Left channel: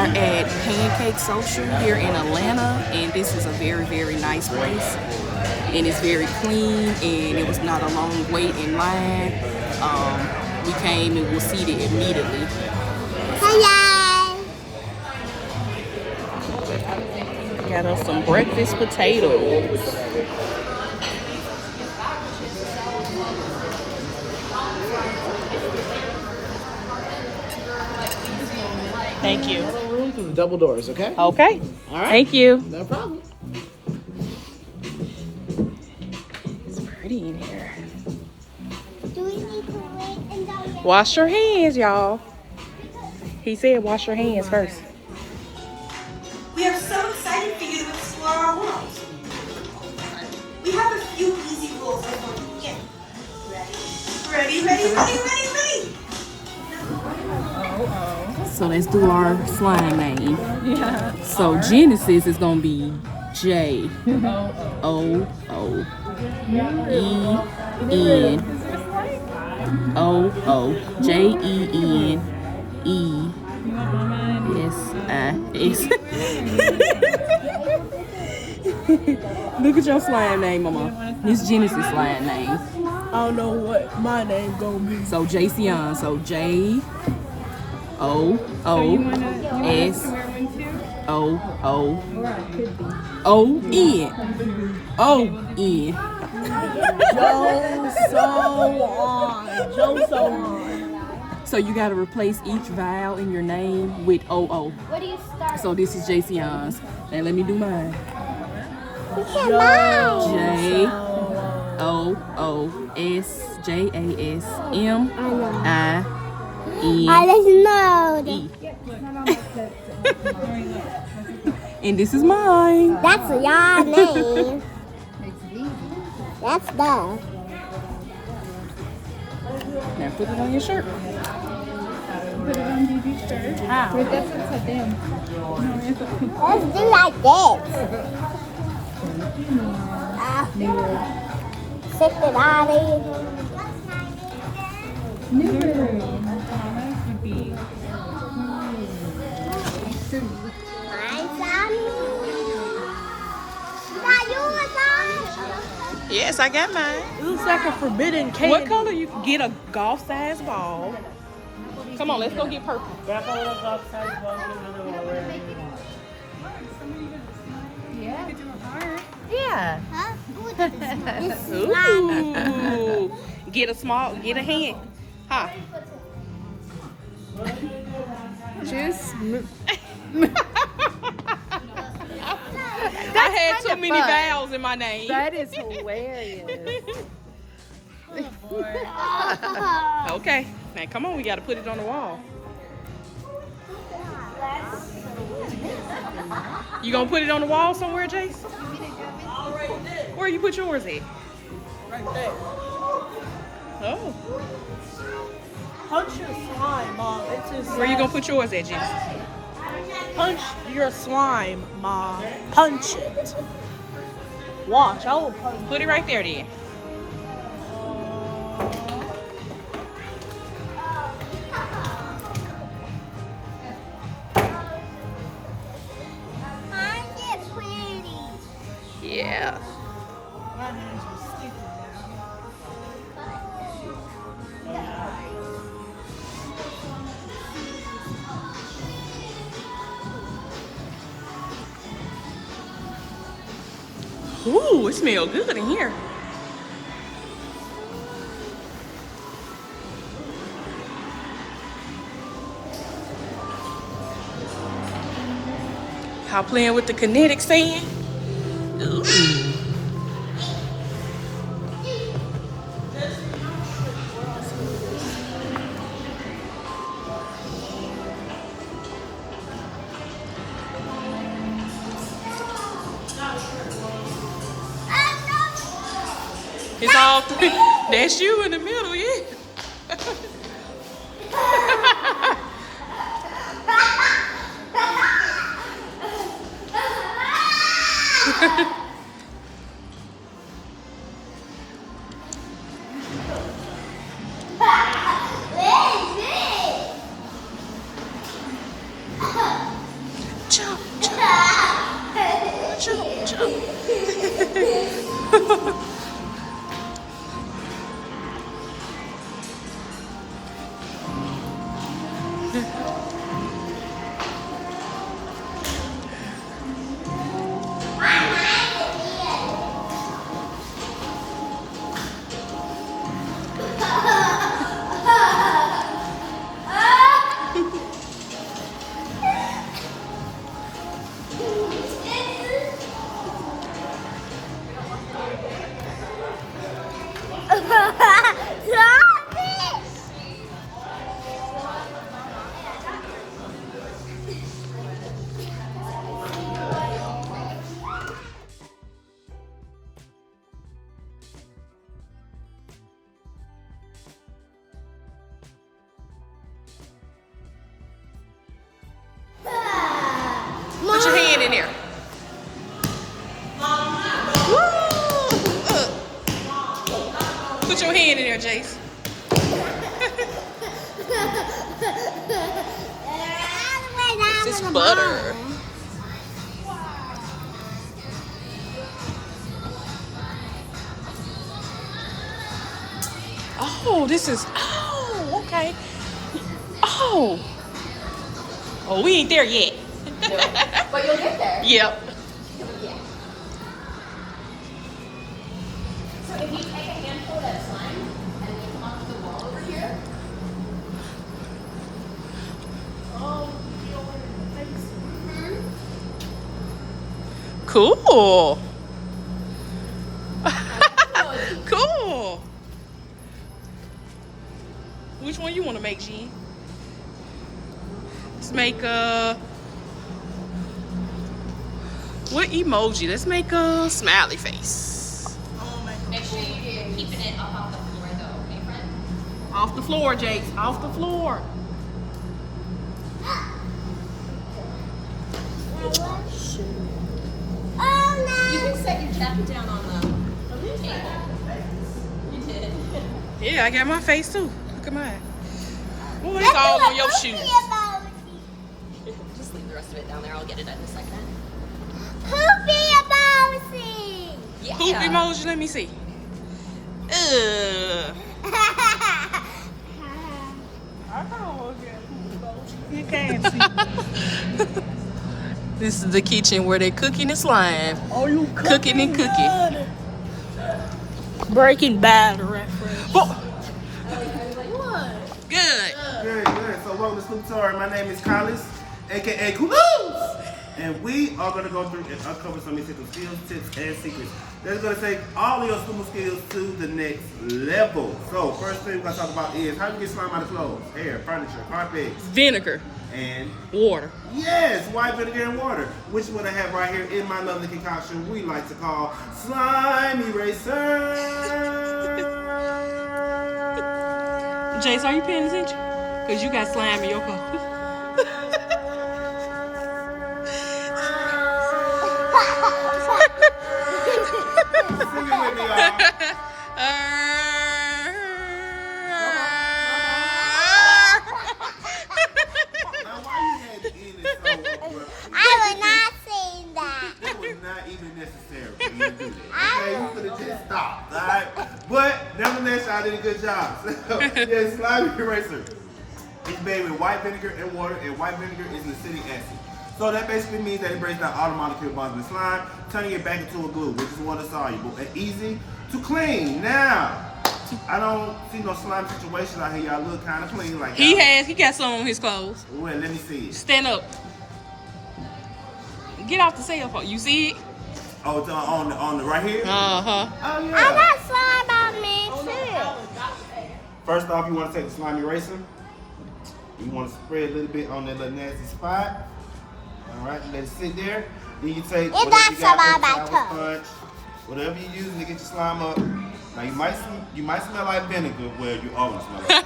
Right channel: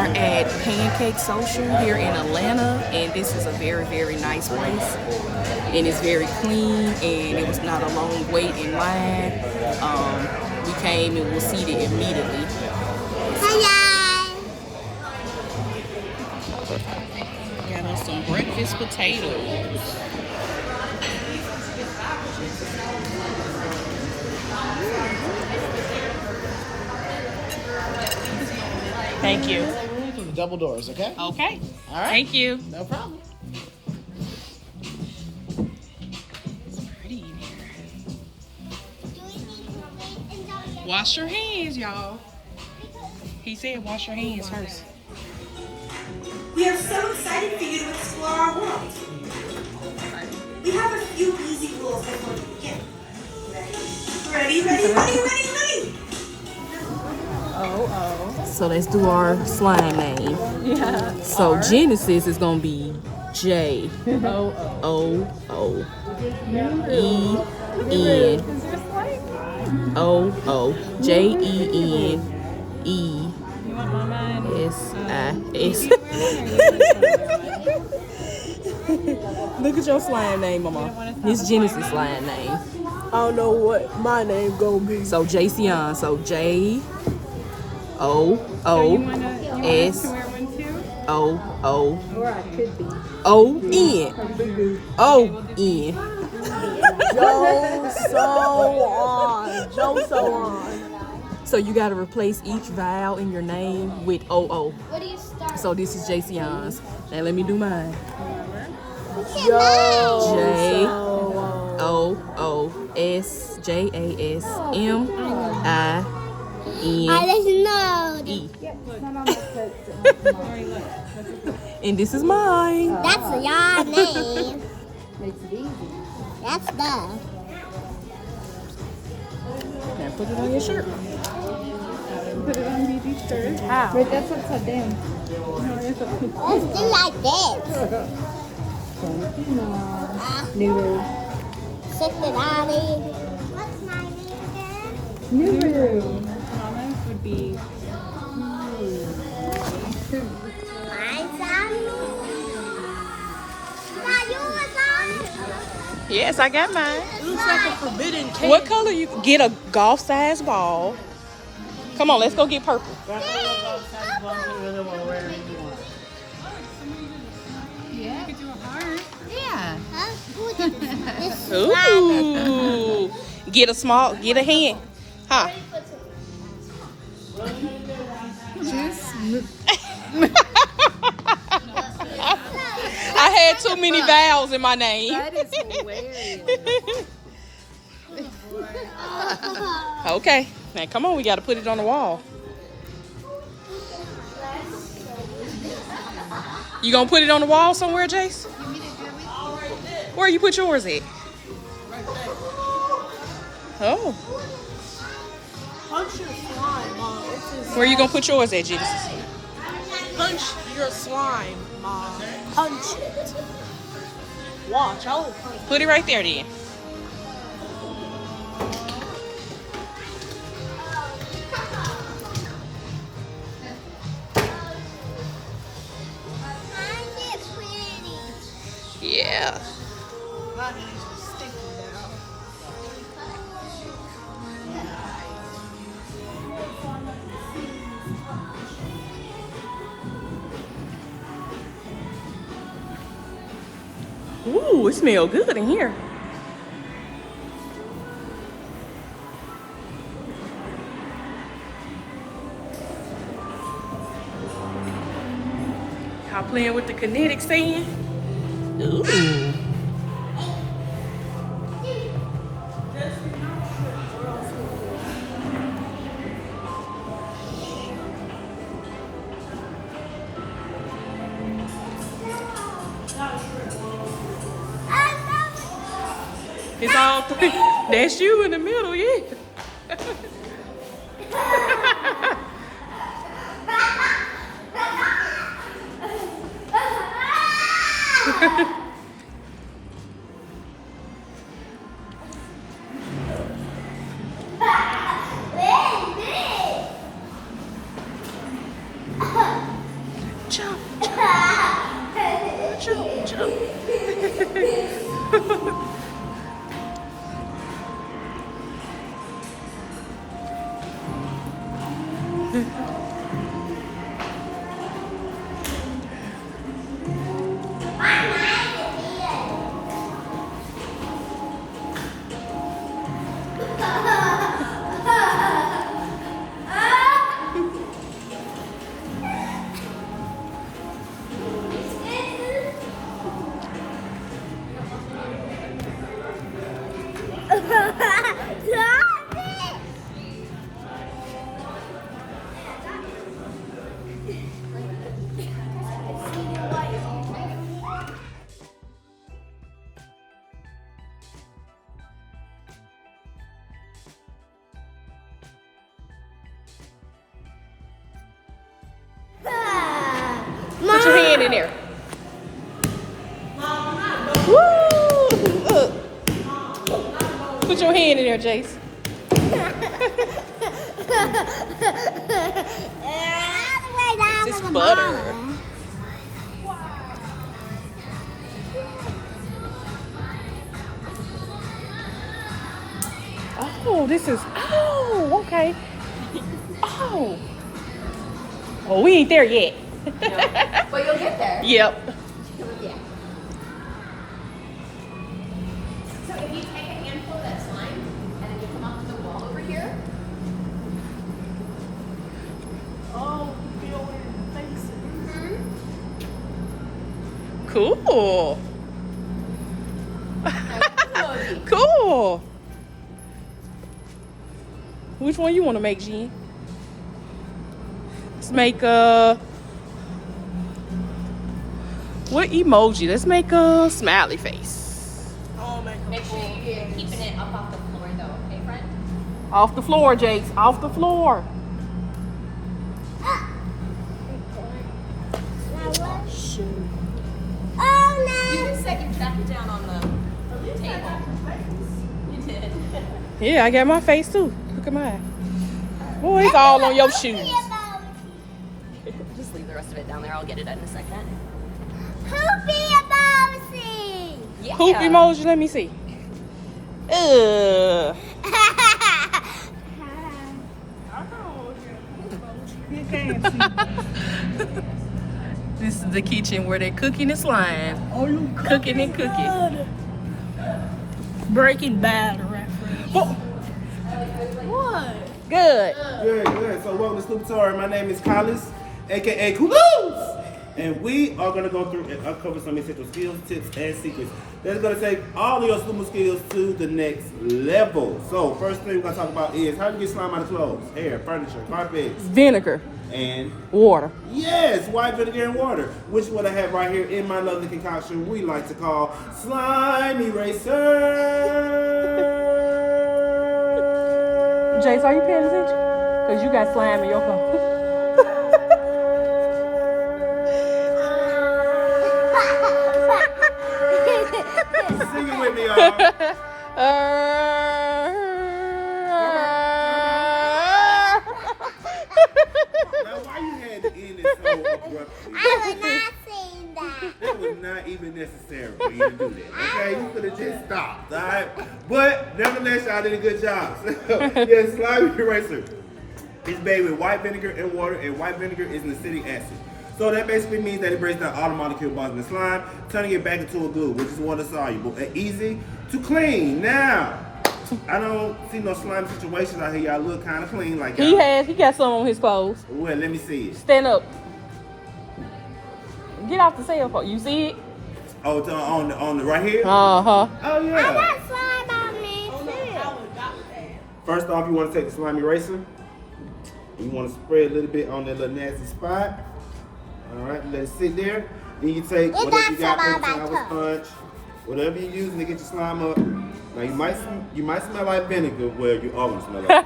are at Pancake Social here in Atlanta, and this is a very, very nice place. And it's very clean, and it was not a long wait in line. We came and we'll seat it immediately. Hello. Got us some breakfast potatoes. Thank you. Double doors, okay? Okay. All right. Thank you. No problem. It's pretty in here. Do we need to wait until Wash your hands, y'all. He said wash your hands first. We are so excited for you to explore our world. We have a few easy rules before we begin. Ready? So let's do our slime name. So Genesis is gonna be J O O E N O O J E N E S I S. Look at your slime name, Mama. This Genesis slime name. I don't know what my name gonna be. So Jayceon. So J O O S O O O N O N. So you gotta replace each vowel in your name with O O. what do you start? So this is Jayceon's. Now let me do mine. Hello. J O O S J A S M I I N don't know. E. And this is mine. That's your name. That's the. Now put it on your shirt. Let's do like this. Stick it out of Yes, I got mine. It looks like a forbidden candy. What color you get a golf size ball? Come on, let's go get purple. Huh? Ooh, this is Ooh. Get a hand. Huh? I had too many vowels in my name. That is hilarious. Okay. Now come on, we gotta put it on the wall. You gonna put it on the wall somewhere, Jace? Where you put yours at? Right there. Oh. Punch your slime, Mom. It says Where you gonna put yours at, Genesis? punch your slime, Mom. Punch it. Watch, I will punch. Put it right there then. Yeah. My hands are sticky Ooh, it smells good in here. Y'all playing with the kinetic sand? Ooh. It's all three. That's you in the middle, yeah. Put your hand in there. Woo! Put your hand in there, Jace. This is butter. Oh, this is. Oh, okay. Oh. Oh, we ain't there yet. But you'll get there. Yep. So if you take a handful of that slime and then you come up to the wall over here. Cool. Cool. Which one you want to make, Jean? Let's make a. What emoji? Let's make a smiley face. Make sure you're keeping it up off the floor though, okay, friend? Off the floor, Jace. Off the floor. You can set your jacket down on the table. You did. Yeah, I got my face too. Look at mine. Boy, it's all on your shoes. Just leave the rest of it down there. I'll get it in a second. Yeah. Poop emoji, let me see. This is the kitchen where they're cooking and slime. Cooking and cooking. Breaking Bad reference. Oh, What? good. Good. So welcome to Snoop Tour. My name is Collins, aka Kulos. And we are going to go through and uncover some essential skills, tips, and secrets that's going to take all of your Snoop skills to the next level. So first thing we're going to talk about is how you get slime out of clothes, hair, furniture, carpets, Vinegar, and water. yes, white vinegar and water, which is what I have right here in my lovely concoction we like to call Slime Eraser. Jace, are you paying attention? Because you got slime in your cup. Sing it with me, y'all. Now, why you had to end it so abruptly? That was not even necessary for you to do that. Okay, you could have just stopped, alright? But nevertheless, y'all did a good job. Yes, slime eraser. It's made with white vinegar and water, and white vinegar is an acidic acid. So that basically means that it breaks down all the molecule bonds in the slime, turning it back into a glue, which is water soluble and easy to clean. Now, I don't see no slime situation out here. Y'all look kind of clean, like He y'all. he got some on his clothes. Well, let me see it. Stand up. Get off the cell phone. You see it? Oh, it's on the right here. Uh-huh. Oh yeah. First off, you want to take the slime eraser. You want to spread a little bit on that little nasty spot. All right, let it sit there. Then you take whatever you got, sour sponge, whatever you're using to get your slime up. Now you might smell like vinegar. Well, you always smell like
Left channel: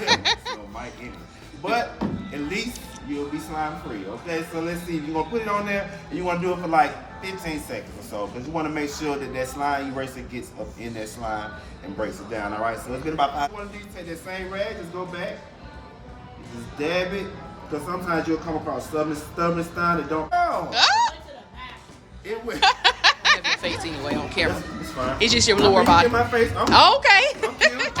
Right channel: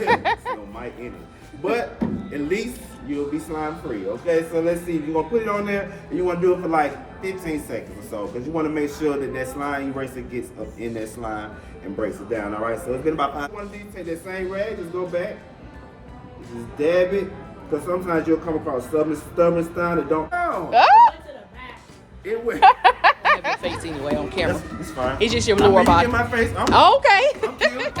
vinegar. So might anyway. But at least you'll be slime free. Okay, so let's see. You're gonna put it on there, and you want to do it for like 15 seconds or so, because you want to make sure that that slime eraser gets up in that slime and breaks it down. All right, so it's been about 5. One of these, take that same rag, just go back, just dab it, because sometimes you'll come across stubborn stuff that don't. Ah! It will. I have your face anyway on camera. It's fine. It's just your lower body. In my face. I'm Okay. cute.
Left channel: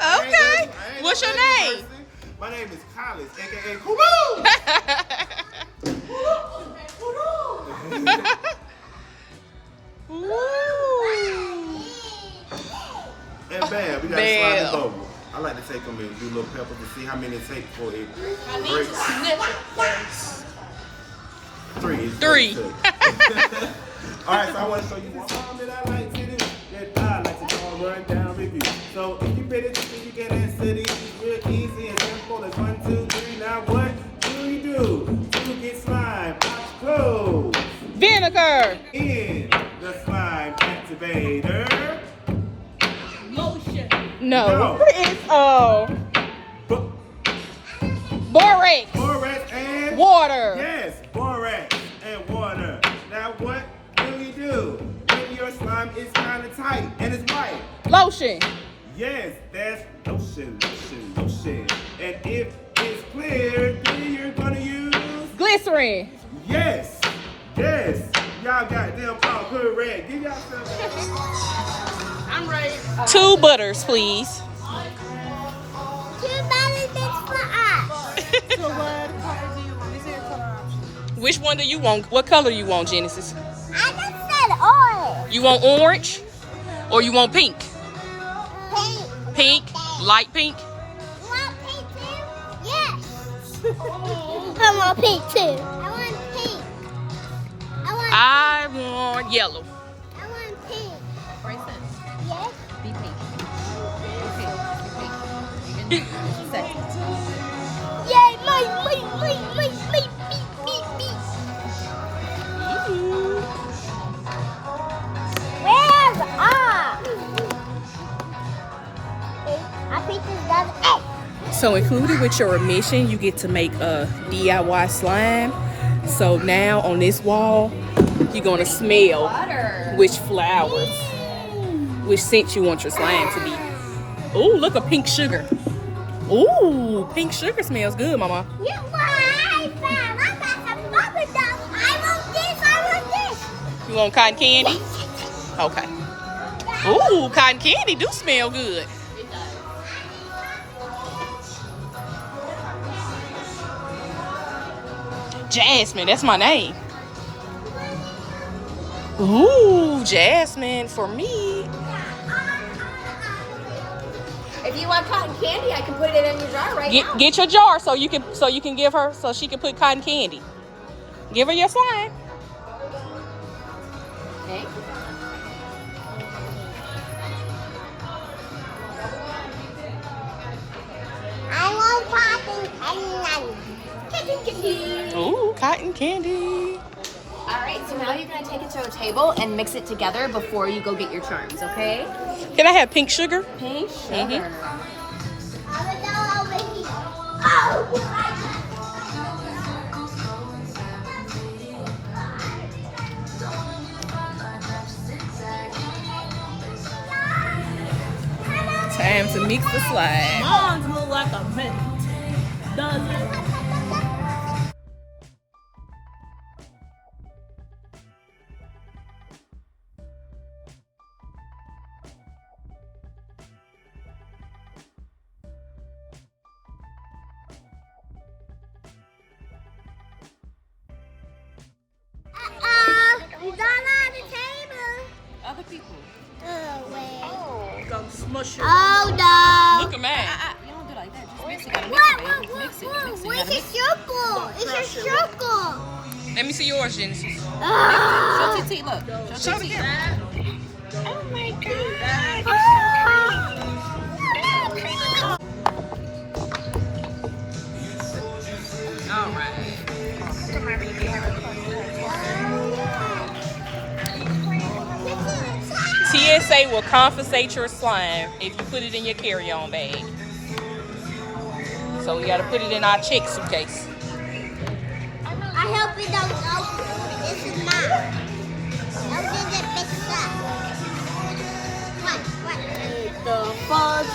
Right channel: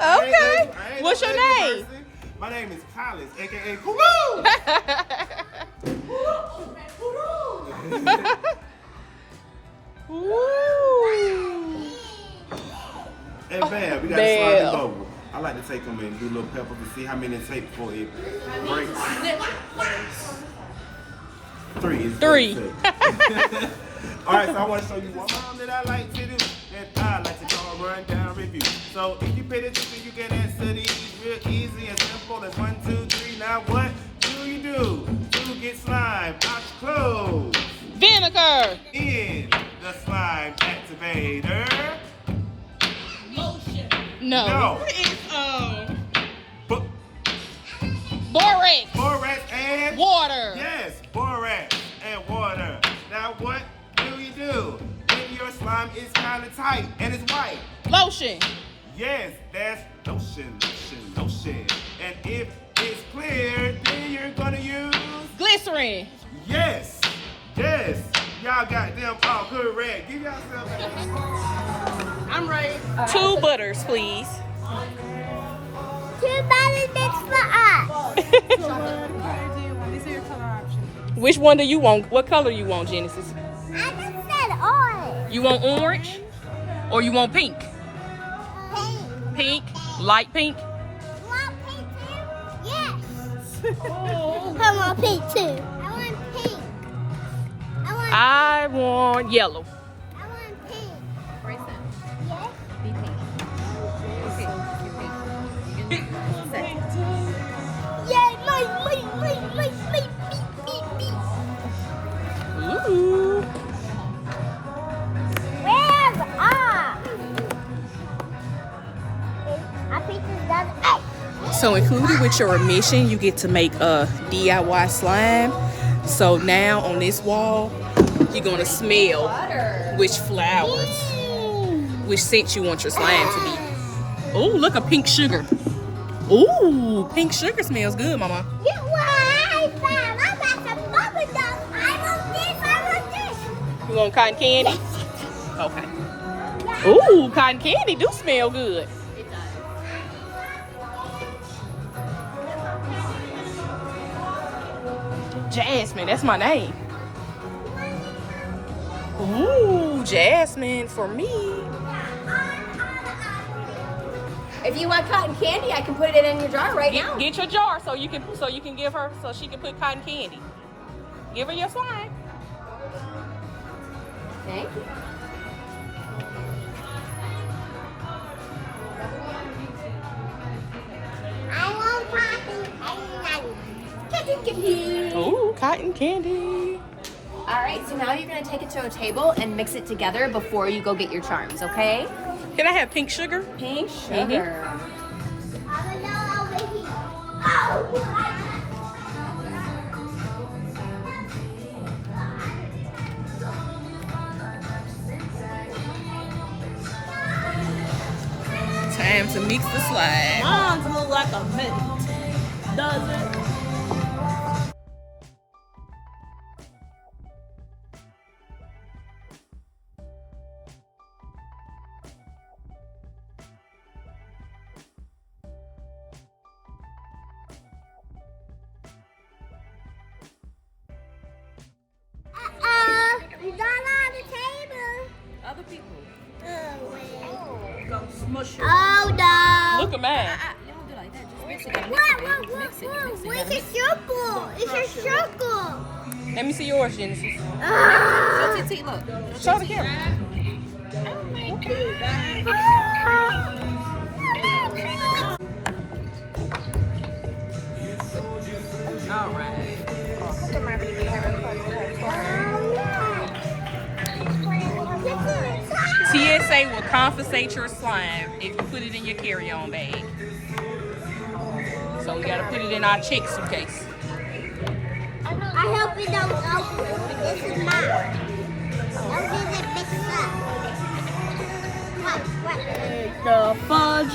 Okay. What's your name? My name is Collins, aka Kumu. Ooh. And bam, we got Bam. to slide it over. I like to take them and do little pepper to see how many it takes before it breaks. 3. It's 3. All right, so I want to show you one that I like to do. That I like to call rundown review. So if you pay attention, you can answer these real easy and simple as 1, 2, 3. Now what do you do to get slime out your clothes? Vinegar. In the slime activator. No. No. It's Bo- borax. borax and Water. yes, borax and water. Now what do you do when your slime is kind of tight and it's white? Lotion. Yes, that's lotion. And if it's clear, then you're gonna use Glycerin. yes. Y'all got them all correct. Give yourself. I'm ready. 2 butters, please. 2 balloons for us. So what color do you want? These are your color options. Which one do you want? What color you want, Genesis? I just said orange. You want orange or you want pink? Pink. Pink, light pink. You want pink too? Yes. I want pink too. I want yellow. I want pink. Yes. Yay, my, beep. Ooh. Where's our pizza's done. So included with your admission, you get to make a DIY slime. So now on this wall, you're gonna smell which flowers, which scent you want your slime to be. Oh, look, a pink sugar. Ooh, pink sugar smells good, Mama. Yeah, what I found. I got some bubble gum. I want this. You want cotton candy? Okay. Ooh, cotton candy do smell good. Jasmine, that's my name. Ooh, Jasmine for me. If you want cotton candy, I can put it in your jar right now. Get your jar so you can give her so she can put cotton candy. Give her your slime. Okay. I want cotton candy. Ooh, cotton candy. All right, so now you're gonna take it to a table and mix it together before you go get your charms, okay? Can I have pink sugar? Pink sugar. Time to mix the slime. Mine's look like a mint. Does it? You got on the table. Other people. Oh, wait. Go smush it. Oh, no. Look at mine. You don't do like that. Just mix it. Gotta What? mix it. Mix it. It's a circle. It's a circle. Let me see yours, Genesis. Show TT, look. Show the camera. Oh, my TSA will confiscate your slime if you put it in your carry-on bag. So we gotta put it in our check suitcase. I hope you don't know this is not. This is a big stuff. What? The fudge.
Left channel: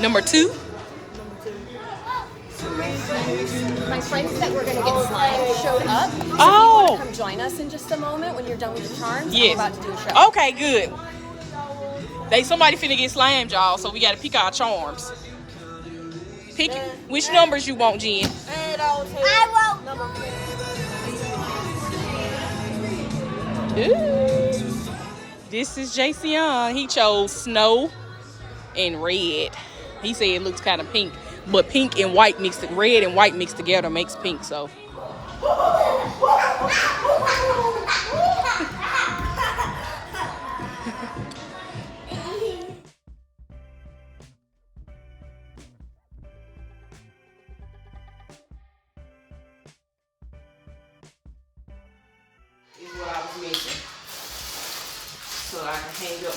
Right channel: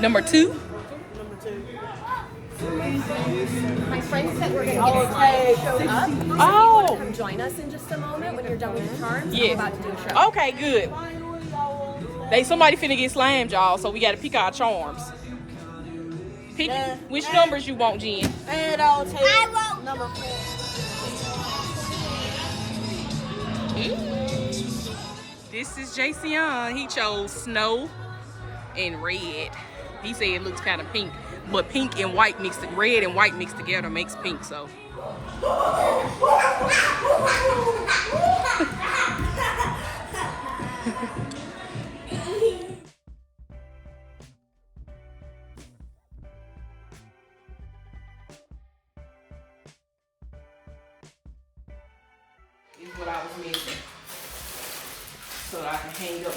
Number 2. My friends that we're gonna get slime showed up. Oh. Come join us in just a moment when you're done with your charms. Yes. We're about to do a show. Okay, good. Somebody finna get slammed, y'all, so we gotta pick our charms. Pick which numbers you want, Jen. I won't. Ooh. This is Jason. He chose snow and red. He said it looks kind of pink, but pink and white red and white mixed together makes pink. So.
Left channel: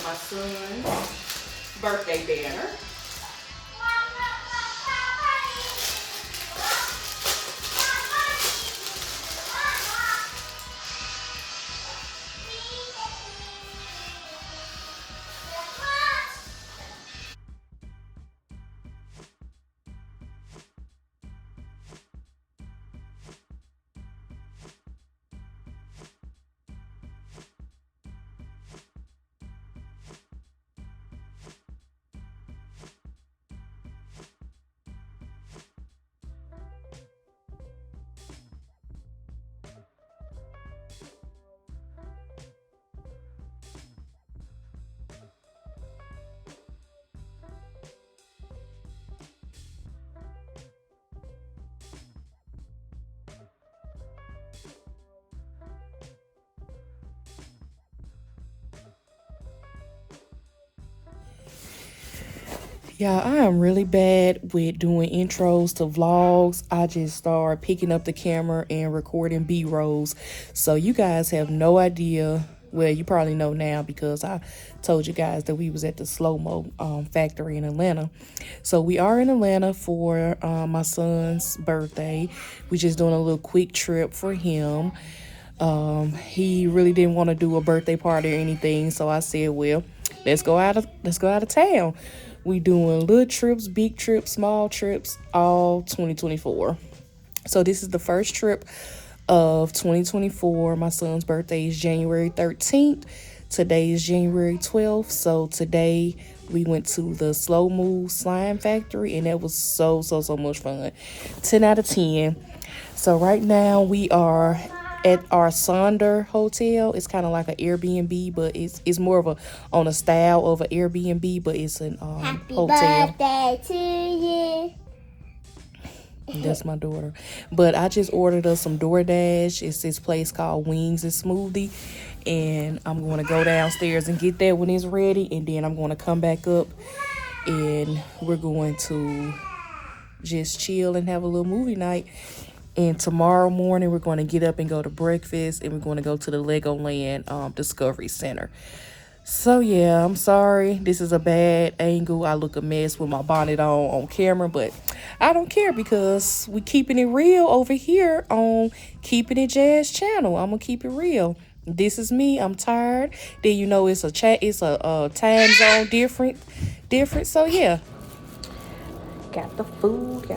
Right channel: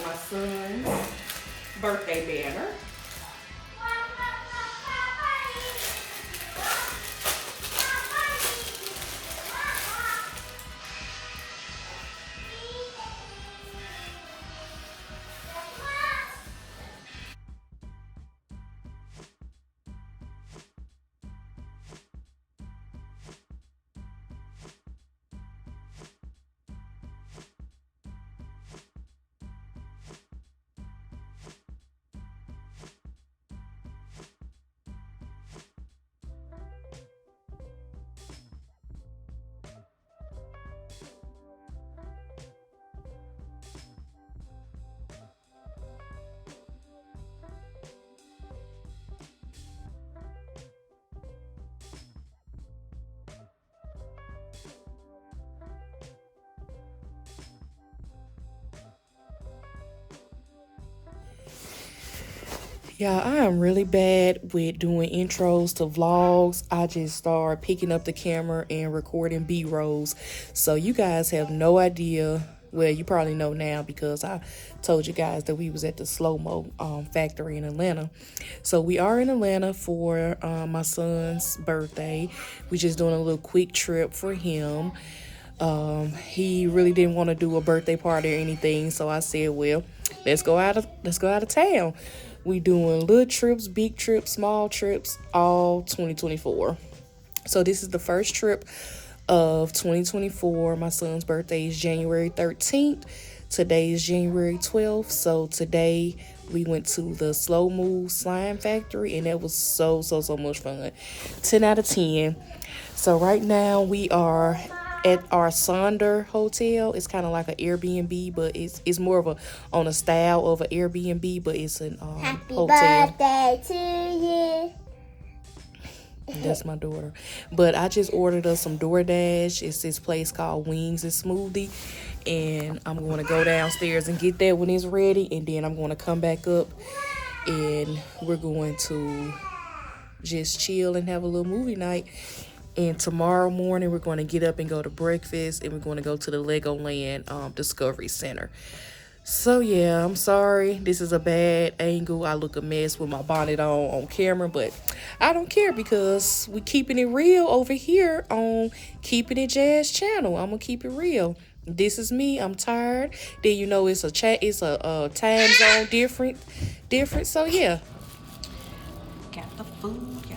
my son's birthday banner. Yeah, I am really bad with doing intros to vlogs. I just start picking up the camera and recording B-rolls. So you guys have no idea. Well, you probably know now because I told you guys that we was at the slow-mo factory in Atlanta. So we are in Atlanta for my son's birthday. We just doing a little quick trip for him. He really didn't want to do a birthday party or anything. So I said, well, let's go out of town. We doing little trips, big trips, small trips, all 2024. So this is the first trip of 2024. My son's birthday is January 13th. Today is January 12th. So today we went to the Slow Move Slime Factory, and that was so much fun. 10 out of 10. So right now we are at our Sonder Hotel. It's kind of like an Airbnb, but it's more of on a style of an Airbnb, but it's an hotel. Happy birthday to you. That's my daughter. But I just ordered us some DoorDash. It's this place called Wings and Smoothie, and I'm going to go downstairs and get that when it's ready, and then I'm going to come back up, and we're going to just chill and have a little movie night. And tomorrow morning, we're going to get up and go to breakfast, and we're going to go to the Legoland Discovery Center. So, yeah, I'm sorry. This is a bad angle. I look a mess with my bonnet on camera, but I don't care because we keeping it real over here on Keeping It Jazz channel. I'm going to keep it real. This is me. I'm tired. Then, you know, it's a time zone different. So, yeah. Got the food.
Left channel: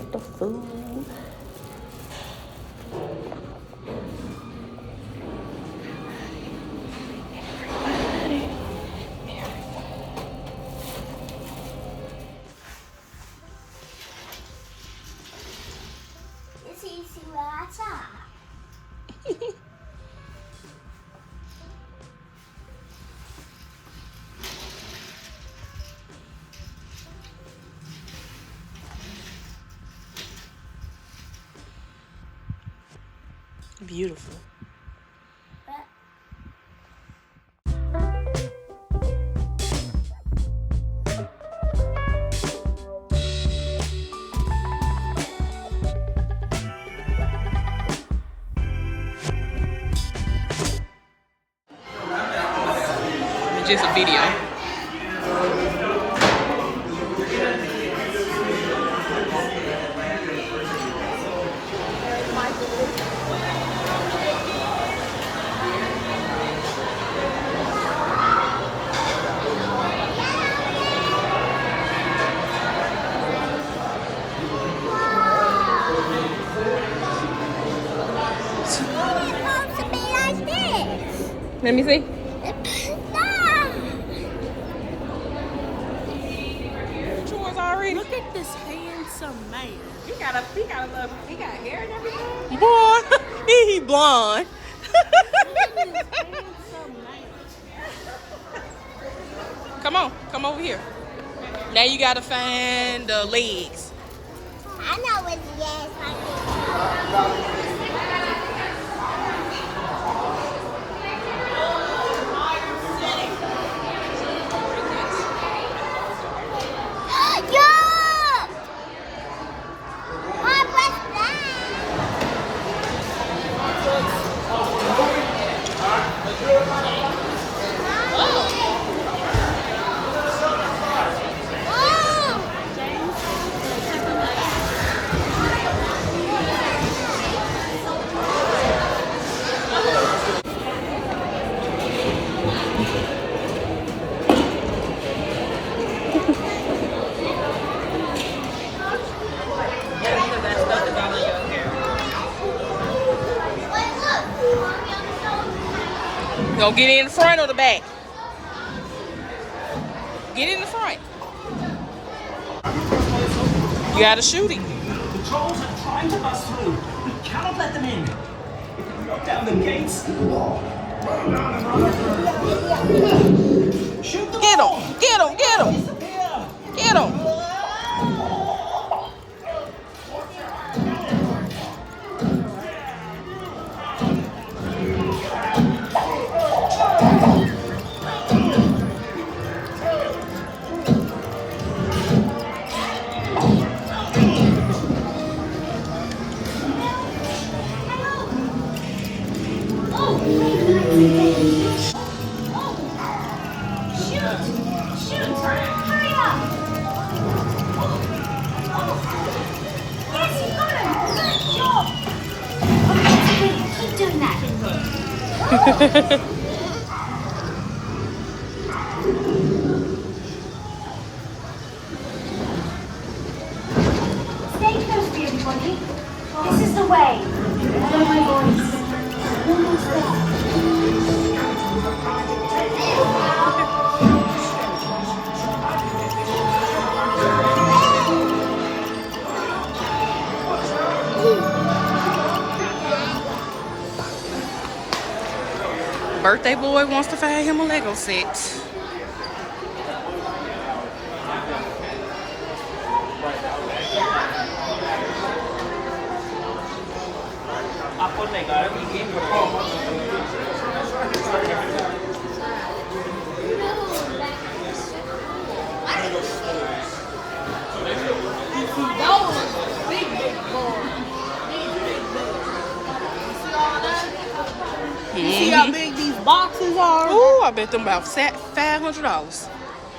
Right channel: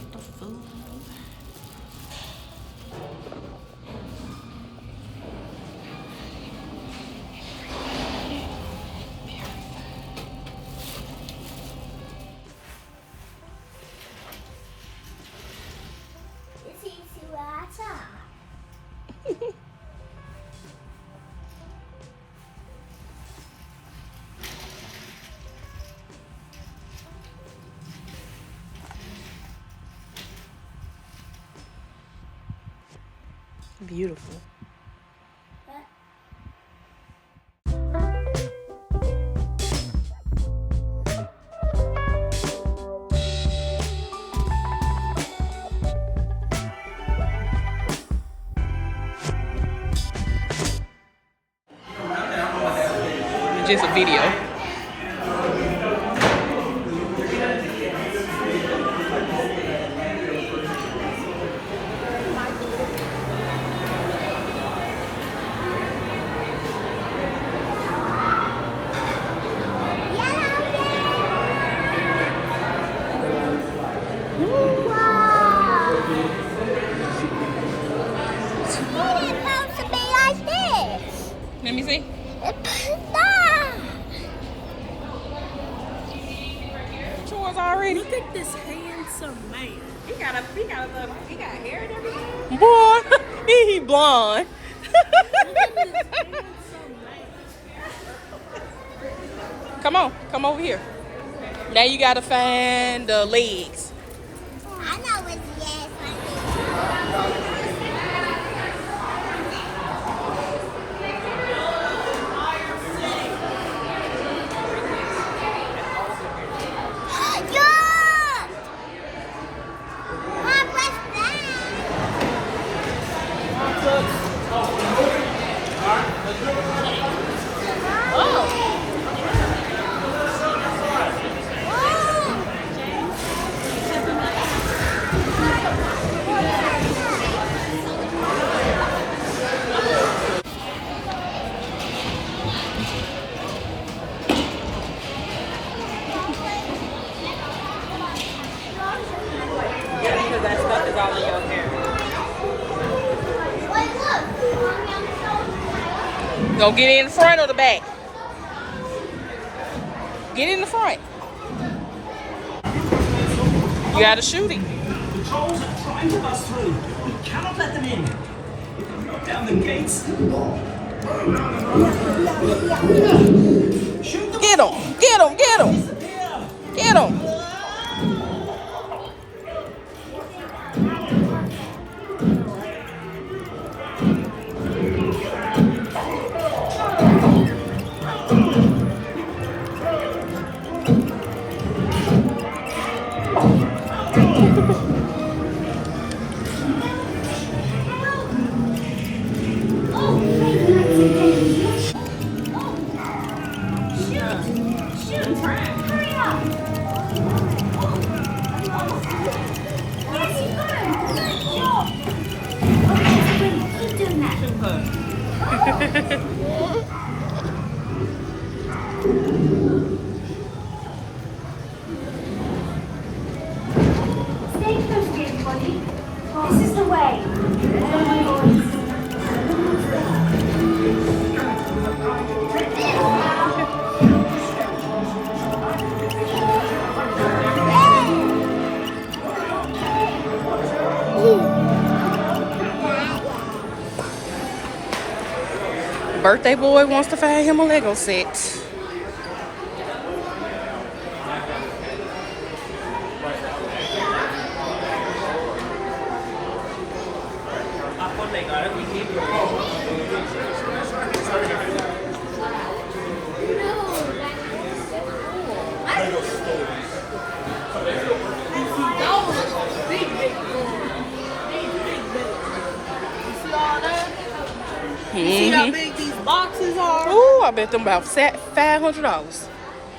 It's easy where I talk. Beautiful. It's just a video. Let me see. Yours already. Look at this handsome man. He got hair and everything. Boy, he blonde. Come over here. Now you gotta find the legs. I know it's yes. I do. Go get in the front or the back. Get in the front. You gotta shoot him. The trolls are trying to bust through. We cannot let them in. Lock down the gates. Shoot them. Get him! Get him! Get him! Get him! Keep doing that. Stay close to everybody. This is the way. Follow my voice. Birthday boy wants to find him a Lego set. See how big these boxes are? Ooh, I bet them about $500.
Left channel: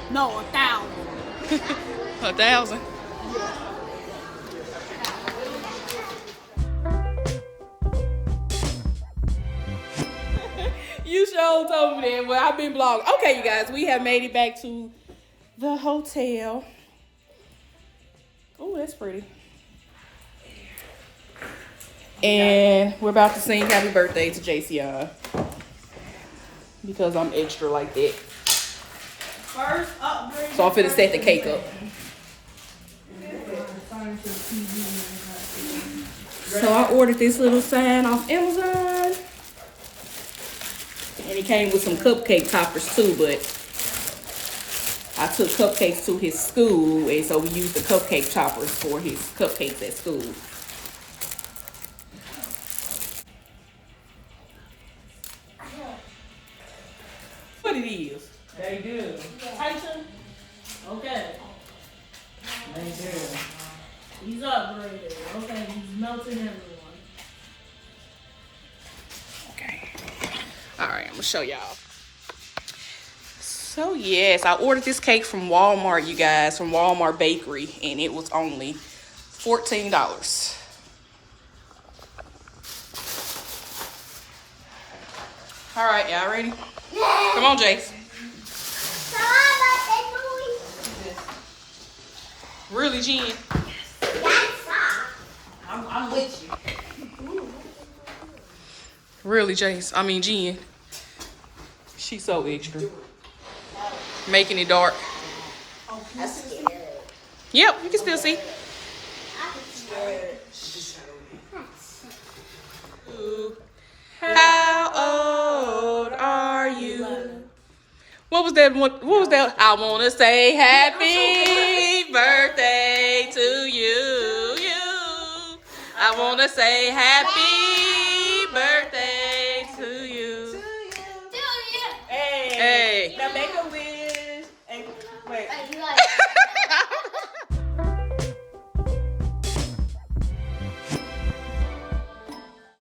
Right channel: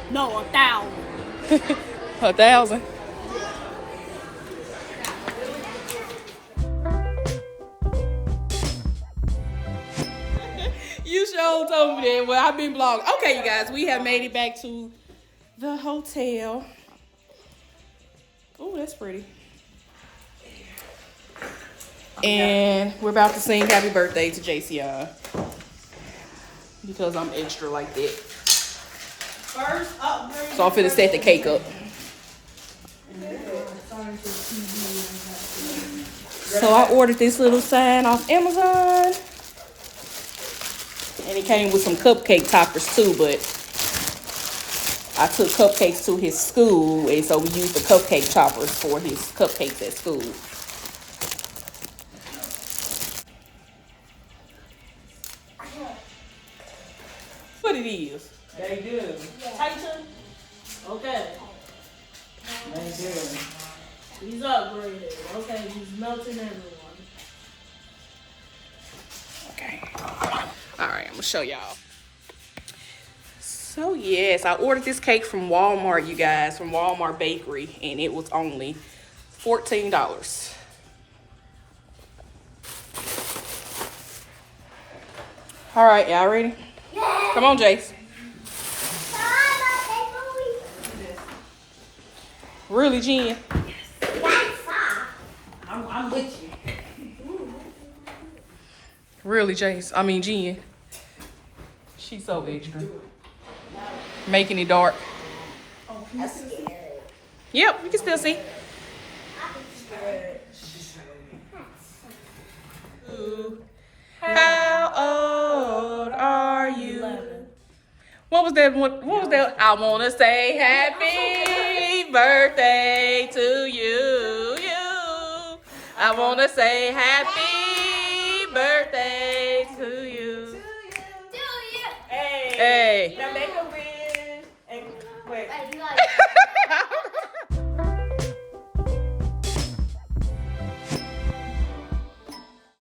No, 1,000. 1,000. You sure told me that. Well, I've been blogging. Okay, you guys, we have made it back to the hotel. Oh, that's pretty. And we're about to sing happy birthday to JCI. Because I'm extra like that. First upgrade. So I'm finna set the cake up. So I ordered this little sign off Amazon. And it came with some cupcake toppers too, but I took cupcakes to his school, and so we used the cupcake toppers for his cupcakes at school. What it is? They do. Titan? Okay. They do. He's upgraded. Okay, he's melting everyone. Okay. All right, I'm gonna show y'all. So yes, I ordered this cake from Walmart, you guys, from Walmart Bakery, and it was only $14. All right, y'all ready? Come on, Jace. Really, Jen? I'm with you. Really, Jace? I mean, Jen. She's so extra. Making it dark. Yep, you can still see. How old are you? What was that? What was that? I want to say happy birthday to you. I want to say happy birthday to you. Hey.